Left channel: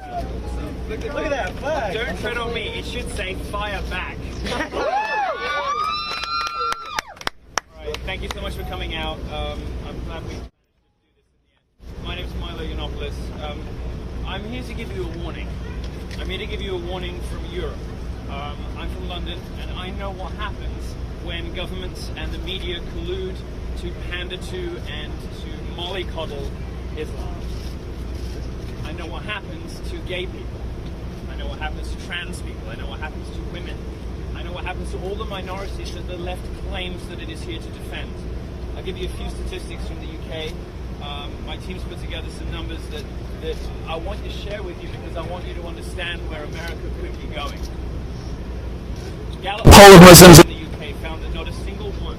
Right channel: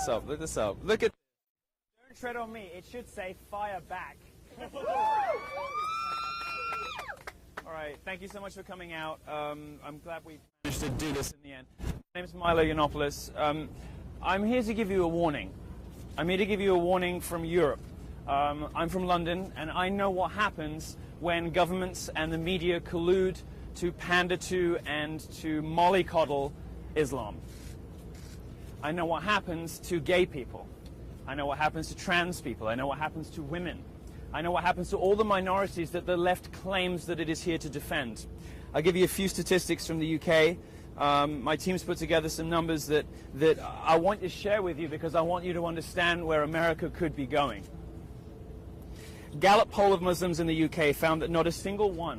this up. Look this up. Look at that flag. Don't tread on me. It should say fire back. All right. Thank you so much for coming out. I'm glad we managed to do this in the end. My name is Milo Yiannopoulos. I'm here to give you a warning. I'm here to give you a warning from Europe. I'm from London, and I know what happens when governments and the media collude to pander to and to mollycoddle Islam. I know what happens to gay people. I know what happens to trans people. I know what happens to women. I know what happens to all the minorities that the left claims that it is here to defend. I'll give you a few statistics from the UK. My team's put together some numbers that I want to share with you because I want you to understand where America could be going. Gallup poll of Muslims in the UK found that not a single one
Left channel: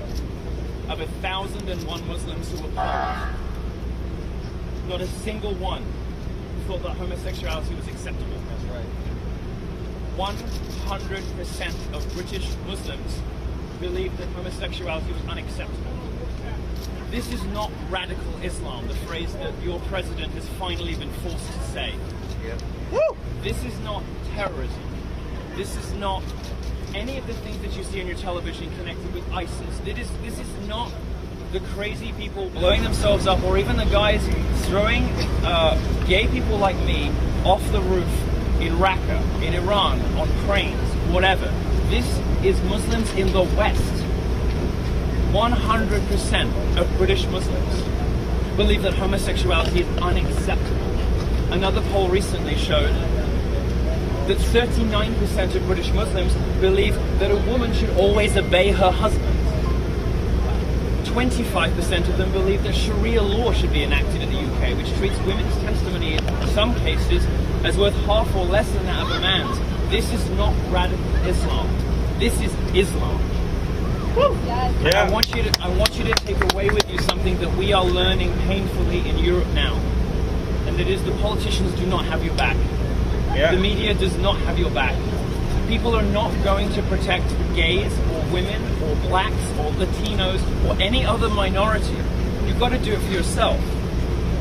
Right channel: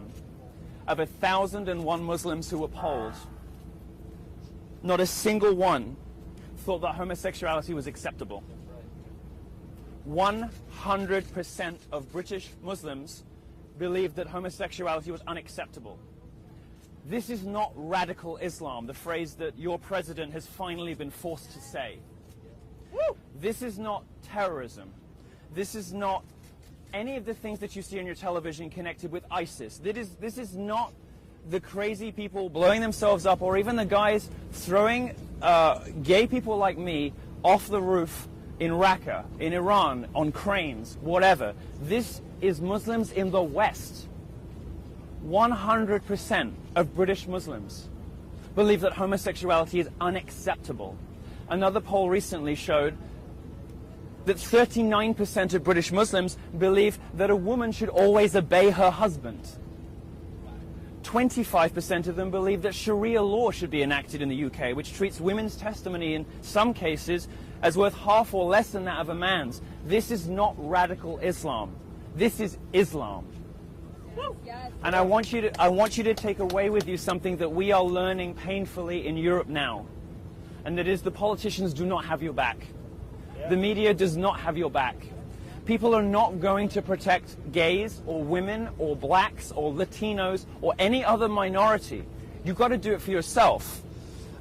of 1,001 Muslims who were polled, not a single one thought that homosexuality was acceptable. That's right. 100% of British Muslims believed that homosexuality was unacceptable. This is not radical Islam, the phrase that your president has finally been forced to say. Yep. This is not terrorism. This is not any of the things that you see on your television connected with ISIS. This is not the crazy people blowing themselves up, or even the guys throwing gay people like me off the roof in Raqqa, in Iran, on cranes, whatever. This is Muslims in the West. 100% of British Muslims believe that homosexuality is unacceptable. Another poll recently showed that 39% of British Muslims believe that a woman should always obey her husband. 25% of them believe that Sharia law should be enacted in the UK, which treats women's testimony in some cases as worth half or less than that of a man's. This is not radical Islam. This is Islam. Yes. And I want you to take away with you something that we are learning painfully in Europe now, and that is the politicians do not have your back. Yeah. The media does not have your back. People are not going to protect gays or women or blacks or Latinos or any other minority. You've got to do it for yourself.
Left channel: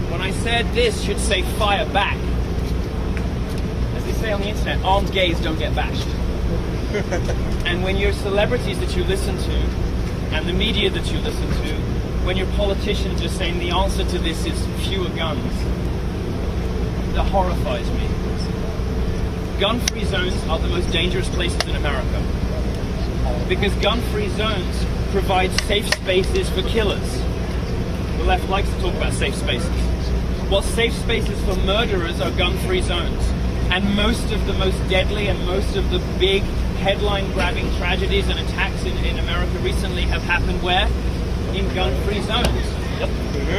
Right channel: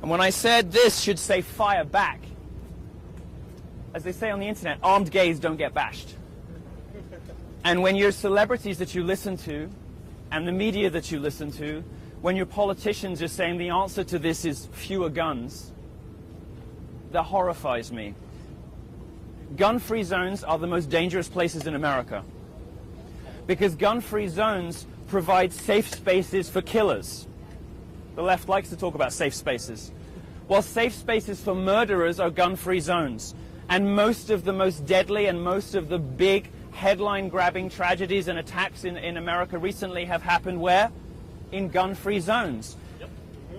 And when I said this should say fire back, as they say on the internet, armed gays don't get bashed. And when your celebrities that you listen to and the media that you listen to, when your politicians are saying the answer to this is fewer guns, that horrifies me. Gun-free zones are the most dangerous places in America because gun-free zones provide safe spaces for killers. The left likes to talk about safe spaces. Well, safe spaces for murderers are gun-free zones. And most of the most deadly and most of the big headline-grabbing tragedies and attacks in America recently have happened where? In gun-free zones.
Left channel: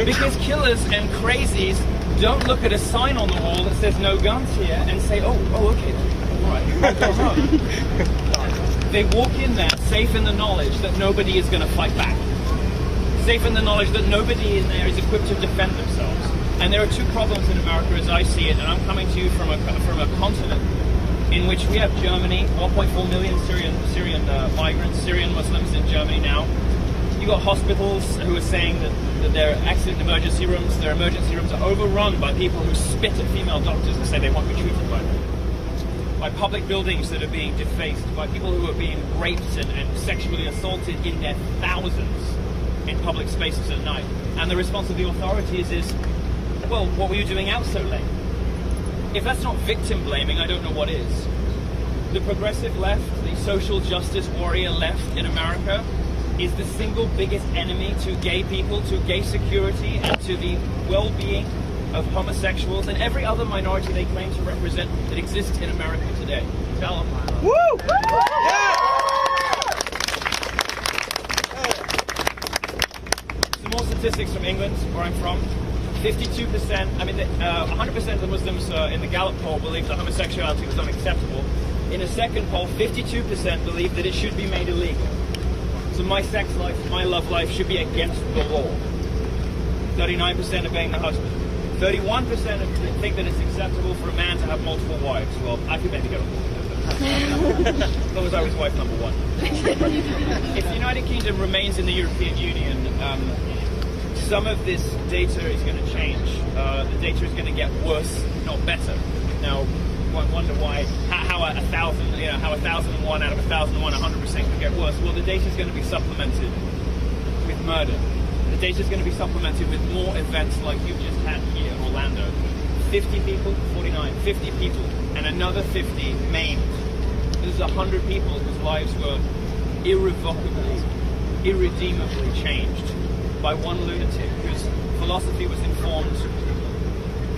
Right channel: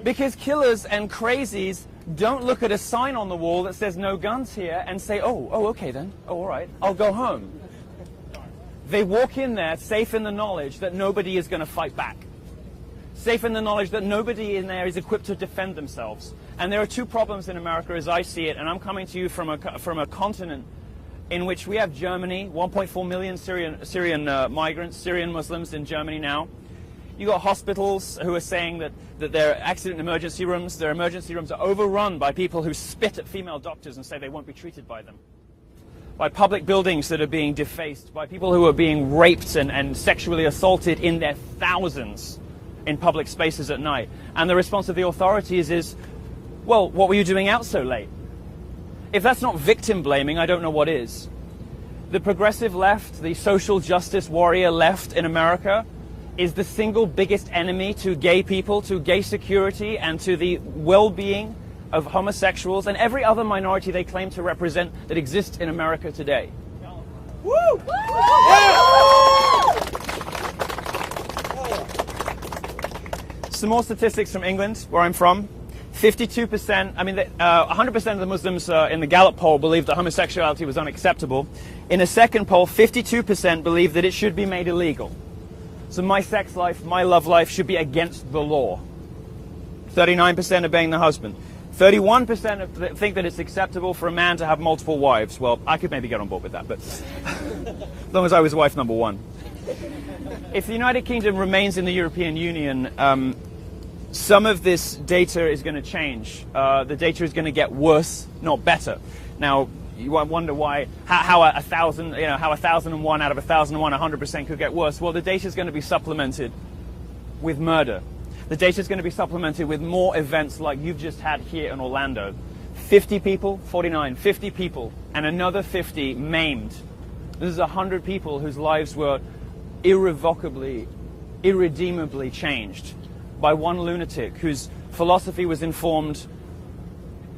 Because killers and crazies don't look at a sign on the wall that says no guns here and say, oh, okay then, all right, I'll go home. They walk in there safe in the knowledge that nobody is going to fight back. Safe in the knowledge that nobody in there is equipped to defend themselves. And there are two problems in America as I see it, and I'm coming to you from a continent in which we have Germany, 1.4 million Syrian migrants, Syrian Muslims in Germany now. You've got hospitals who are saying that their accident emergency rooms, their emergency rooms are overrun by people who spit at female doctors and say they won't be treated by them. By public buildings that are being defaced, by people who are being raped and sexually assaulted in their thousands in public spaces at night. And the response of the authorities is, well, what were you doing out so late? If that's not victim blaming, I don't know what is. The progressive left, the social justice warrior left in America, is the single biggest enemy to gay people, to gay security, and to the well-being of homosexuals and every other minority they claim to represent that exists in America today. Tell them. Woo! Some more statistics from England, where I'm from. 52%, 100% of the Muslims in the Gallup poll believed that homosexuality was unacceptable. In a second poll, 52% believed that it should be made illegal. So my sex life, my love life should be against the law. 39% obeying the husband. 31% think that it's acceptable for a man to have multiple wives. Well, I could maybe get on board with that, but as long as I was wife number one. If the United Kingdom remains in the European Union, some of this data is going to change. The data is going to get worse, not better. Now, you might wonder how 1,001 out of 1,001, 100% could get worse. Well, the data is going to be supplemented with murder. The data is going to be supplemented with more events like you've just had here in Orlando. 50 people, 49, 50 people, and another 50 maimed. This is 100 people whose lives were irrevocably, irredeemably changed by one lunatic whose philosophy was informed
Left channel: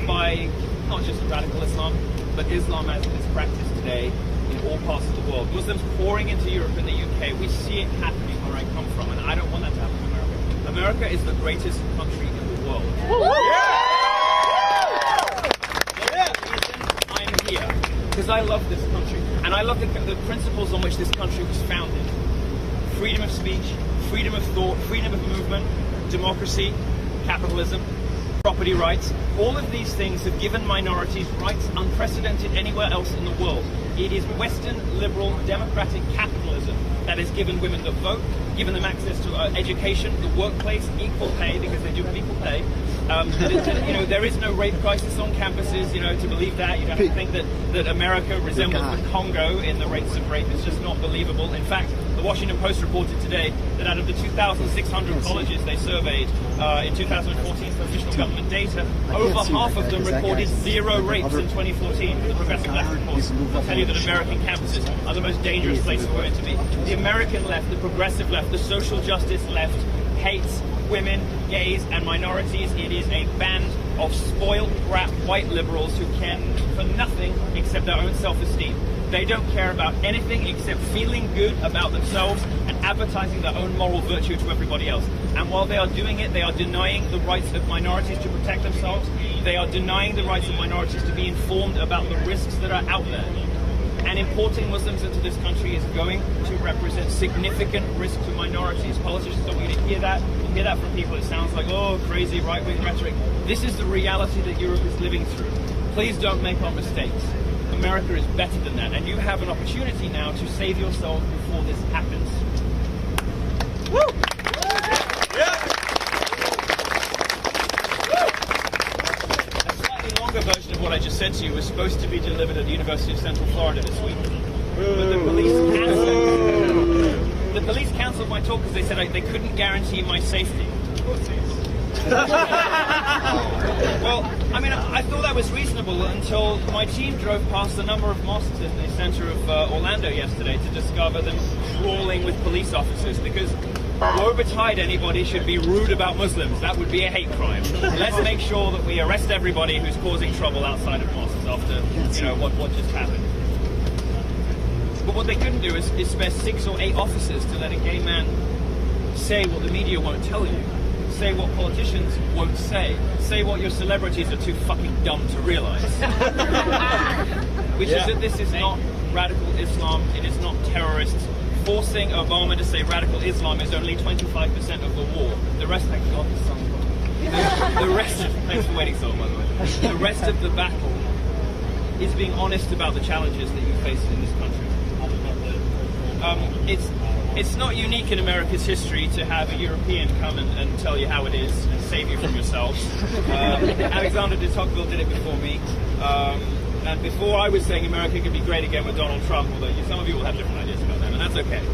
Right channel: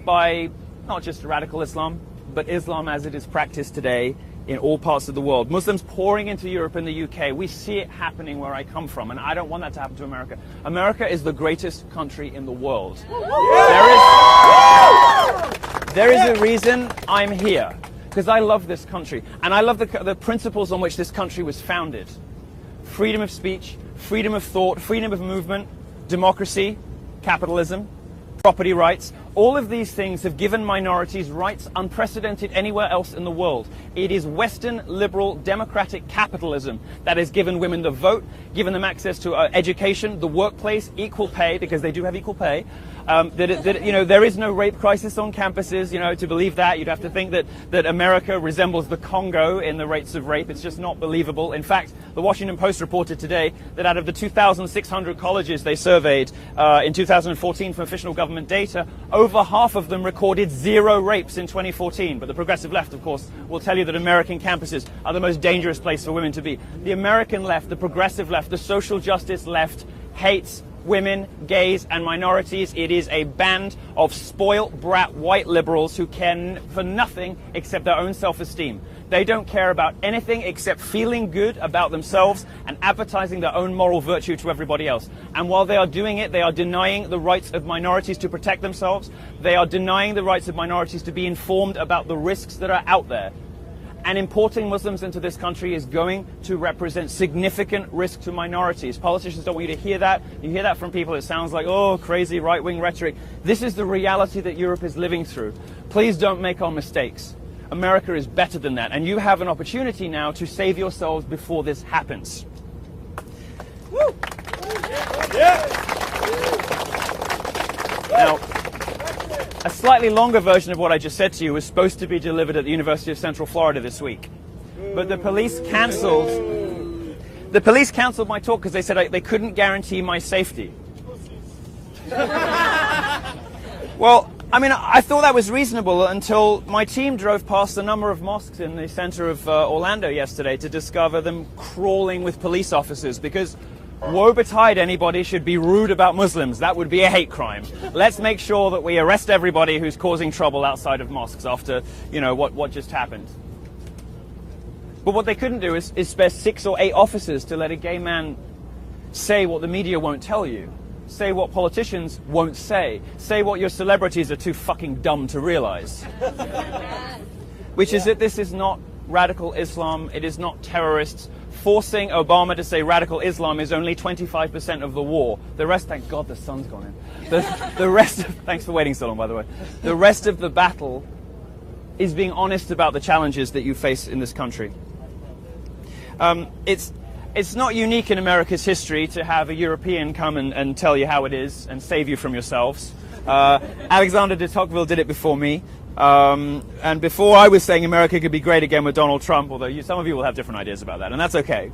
by not just radical Islam, but Islam as it is practiced today in all parts of the world. Muslims pouring into Europe and the UK. We see it happening where I come from, and I don't want that to happen to America. America is the greatest country in the world. There is a reason I'm here, because I love this country, and I love the principles on which this country was founded. Freedom of speech, freedom of thought, freedom of movement, democracy, capitalism, property rights. All of these things have given minorities rights unprecedented anywhere else in the world. It is Western liberal democratic capitalism that has given women the vote, given them access to education, the workplace, equal pay, because they do have equal pay. There is no rape crisis on campuses. To believe that, you'd have to think that America resembles the Congo in the rates of rape. It's just not believable. In fact, the Washington Post reported today that out of the 2,600 colleges they surveyed in 2014 for official government data, over half of them recorded 0 rapes in 2014. But the progressive left, of course, will tell you that American campuses are the most dangerous place for women to be. The American left, the progressive left, the social justice left hates women, gays, and minorities. It is a band of spoiled brat white liberals who care for nothing except their own self-esteem. They don't care about anything except feeling good about themselves and advertising their own moral virtue to everybody else. And while they are doing it, they are denying the rights of minorities to protect themselves. They are denying the rights of minorities to be informed about the risks that are out there. And importing Muslims into this country is going to represent significant risk to minorities. Politicians don't want you to hear that. You hear that from people, it sounds like, oh, crazy right-wing rhetoric. This is the reality that Europe is living through. Please don't make our mistakes. America is better than that, and you have an opportunity now to save yourselves before this happens. Woo! Yeah. Now, a slightly longer version of what I just said to you was supposed to be delivered at the University of Central Florida this week, but the police cancelled. The police cancelled my talk because they said they couldn't guarantee my safety. Well, I mean, I thought that was reasonable until my team drove past a number of mosques in the center of Orlando yesterday to discover them crawling with police officers, because woe betide anybody should be rude about Muslims. That would be a hate crime. Let's make sure that we arrest everybody who's causing trouble outside of mosques after, what just happened. But what they couldn't do is spare 6 or 8 officers to let a gay man say what the media won't tell you. Say what politicians won't say. Say what your celebrities are too fucking dumb to realize. Which is that this is not radical Islam. It is not terrorists. Forcing Obama to say radical Islam is only 25% of the war. The rest, thank God, the sun's gone. The rest, thanks for waiting so long, by the way. The rest of the battle is being honest about the challenges that you face in this country. It's not unique in America's history to have a European come and tell you how it is and save you from yourselves. Alexander de Tocqueville did it before me. And before I was saying America could be great again with Donald Trump, although some of you will have different ideas about that, and that's okay.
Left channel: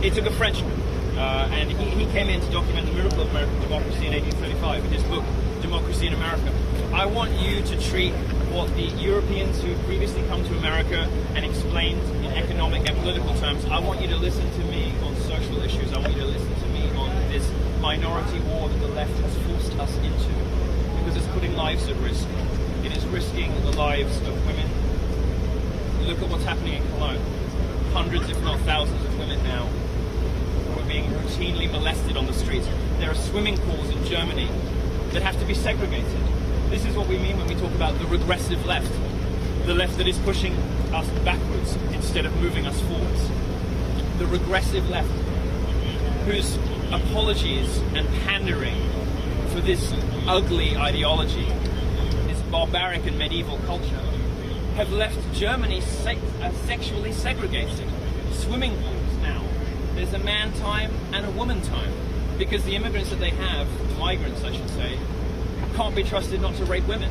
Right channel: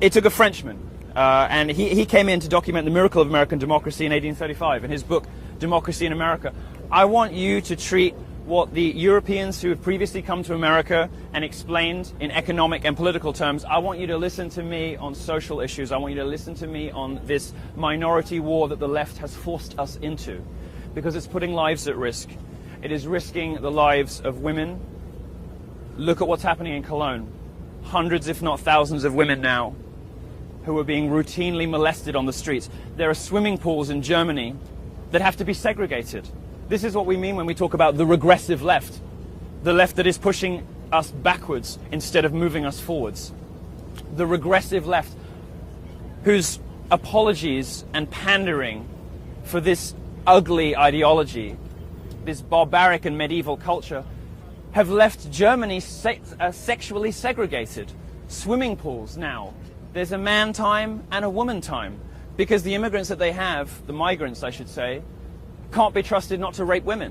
It took a Frenchman, and he came in to document the miracle of American democracy in 1835 in his book, Democracy in America. I want you to treat what the Europeans who have previously come to America and explained in economic and political terms, I want you to listen to me on social issues. I want you to listen to me on this minority war that the left has forced us into, because it's putting lives at risk. It is risking the lives of women. Look at what's happening in Cologne. Hundreds, if not thousands, of women now who are being routinely molested on the streets. There are swimming pools in Germany that have to be segregated. This is what we mean when we talk about the regressive left. The left that is pushing us backwards instead of moving us forwards. The regressive left whose apologies and pandering for this ugly ideology, this barbaric and medieval culture, have left Germany sexually segregated. Swimming pools now. There's a man time and a woman time, because the immigrants that they have, the migrants I should say, can't be trusted not to rape women.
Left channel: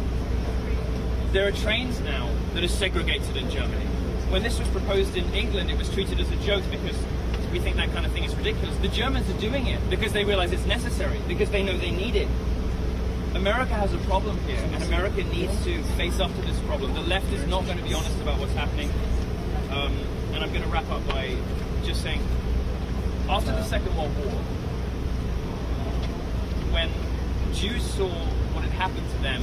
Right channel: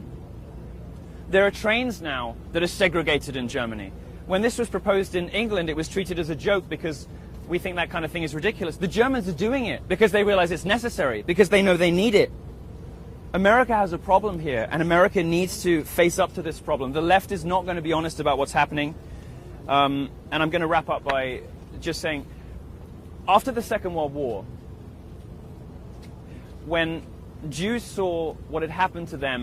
There are trains now that are segregated in Germany. When this was proposed in England, it was treated as a joke because we think that kind of thing is ridiculous. The Germans are doing it because they realize it's necessary, because they know they need it. America has a problem here, and America needs to face up to this problem. The left is not going to be honest about what's happening. And I'm going to wrap up by just saying, after the Second World War, when Jews saw what had happened to them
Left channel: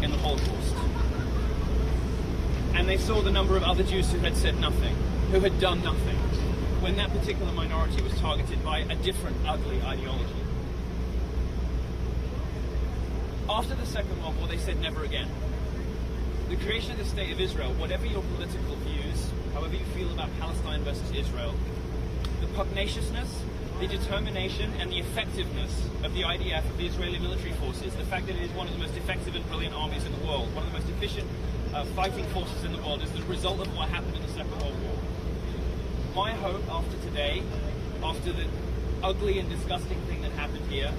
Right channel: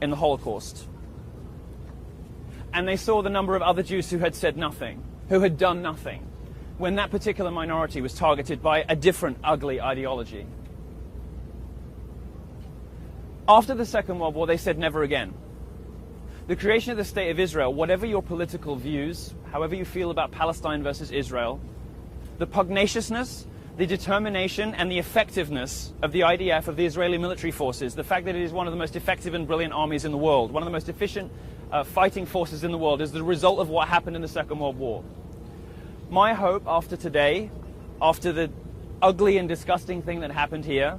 in the Holocaust, and they saw the number of other Jews who had said nothing, who had done nothing, when that particular minority was targeted by a different ugly ideology. After the Second World War, they said never again. The creation of the State of Israel, whatever your political views, however you feel about Palestine versus Israel, the pugnaciousness, the determination and the effectiveness of the IDF, of the Israeli military forces, the fact that it is one of the most effective and brilliant armies in the world, one of the most efficient fighting forces in the world, is the result of what happened in the Second World War. My hope after today, after the ugly and disgusting thing that happened here,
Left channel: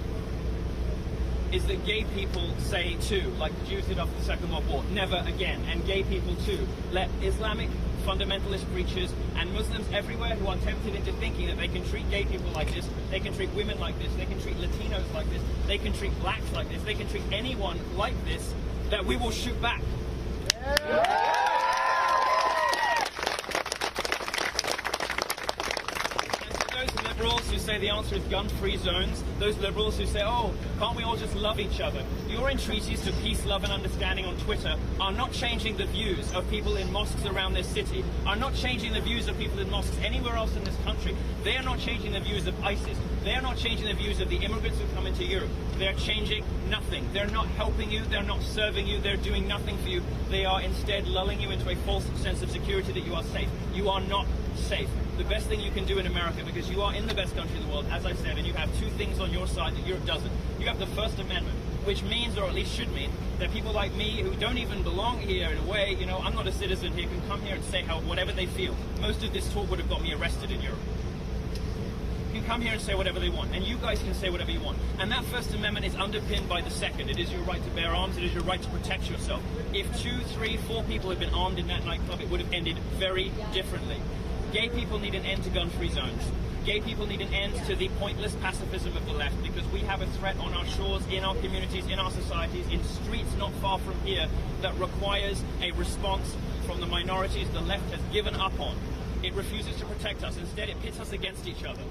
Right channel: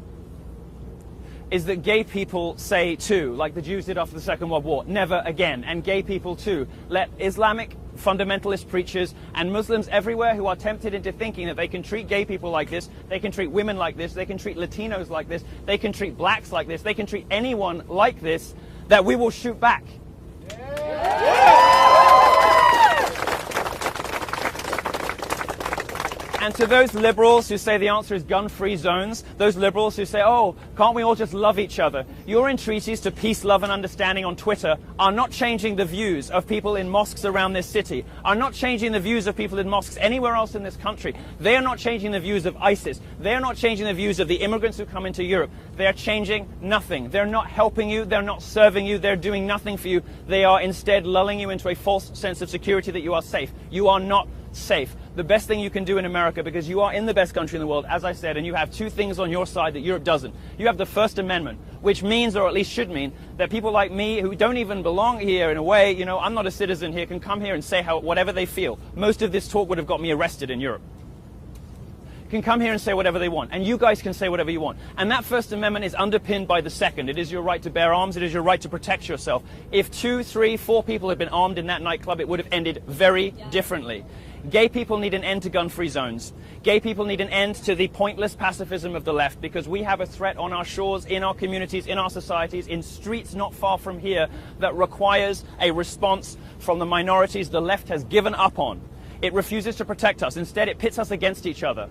is that gay people say too, like the Jews did after the Second World War, never again. And gay people too, let Islamic fundamentalist preachers and Muslims everywhere who are tempted into thinking that they can treat gay people like this, they can treat women like this, they can treat Latinos like this, they can treat blacks like this, they can treat anyone like this, that we will shoot back. And to those liberals who say the answer is gun-free zones, those liberals who say, oh, can't we all just love each other? Your entreaties to peace, love and understanding on Twitter are not changing the views of people in mosques around this city, are not changing the views of people in mosques anywhere else in this country. They are not changing the views of ISIS. They are not changing the views of the immigrants who come into Europe. They are changing nothing. They're not helping you. They're not serving you. They're doing nothing for you. They are instead lulling you into a false sense of security that you are safe. You are not safe. The best thing you can do in America, because you are in the best country in the world, as I said, and you have two things on your side that Europe doesn't. You have the First Amendment, which means, or at least should mean, that people like me who don't even belong here in a way, you know, I'm not a citizen here, can come here and say whatever they feel. Most of this talk would have got me arrested in Europe. Can come here and say whatever they want, and you guys can say whatever you want. And that First Amendment is underpinned by the Second. It is your right to bear arms. It is your right to protect yourself. If 2, 3, 4 people had been armed in that nightclub, it would have ended very differently. Gay people need an end to gun-free zones. Gay people need an end to the pointless pacifism of the left, because we have a threat on our shores, in our communities, in our societies, in streets not far from here, that requires a response from the minorities the left has given up on. It refuses to protect us. Instead, it pits us against each other.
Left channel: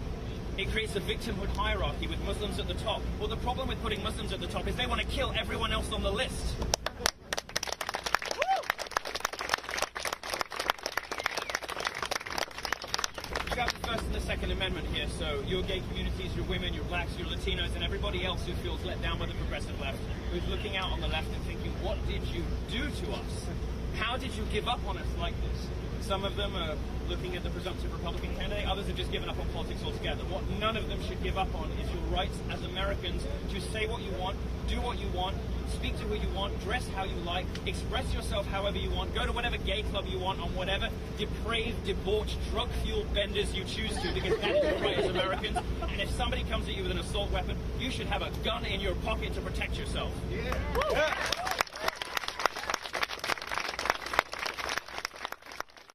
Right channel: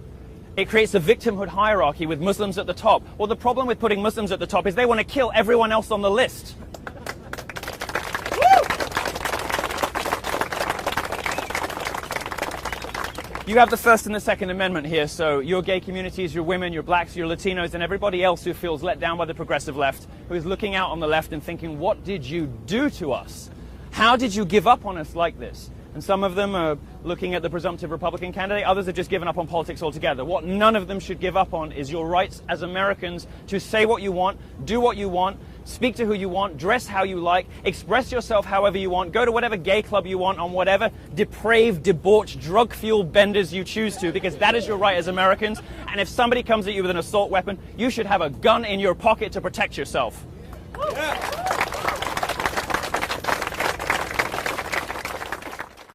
It creates a victimhood hierarchy with Muslims at the top. Well, the problem with putting Muslims at the top is they want to kill everyone else on the list. You have the First and the Second Amendment here, so your gay communities, your women, your blacks, your Latinos, and everybody else who feels let down by the progressive left, who's looking out on the left and thinking, what did you do to us? How did you give up on us like this? And some of them are looking at the presumptive Republican candidate, others have just given up on politics altogether. What none of them should give up on is your rights as Americans to say what you want, do what you want, speak to who you want, dress how you like, express yourself however you want, go to whatever gay club you want on whatever depraved, debauched, drug-fueled benders you choose to, because that is your right as Americans. And if somebody comes at you with an assault weapon, you should have a gun in your pocket to protect yourself. Yeah.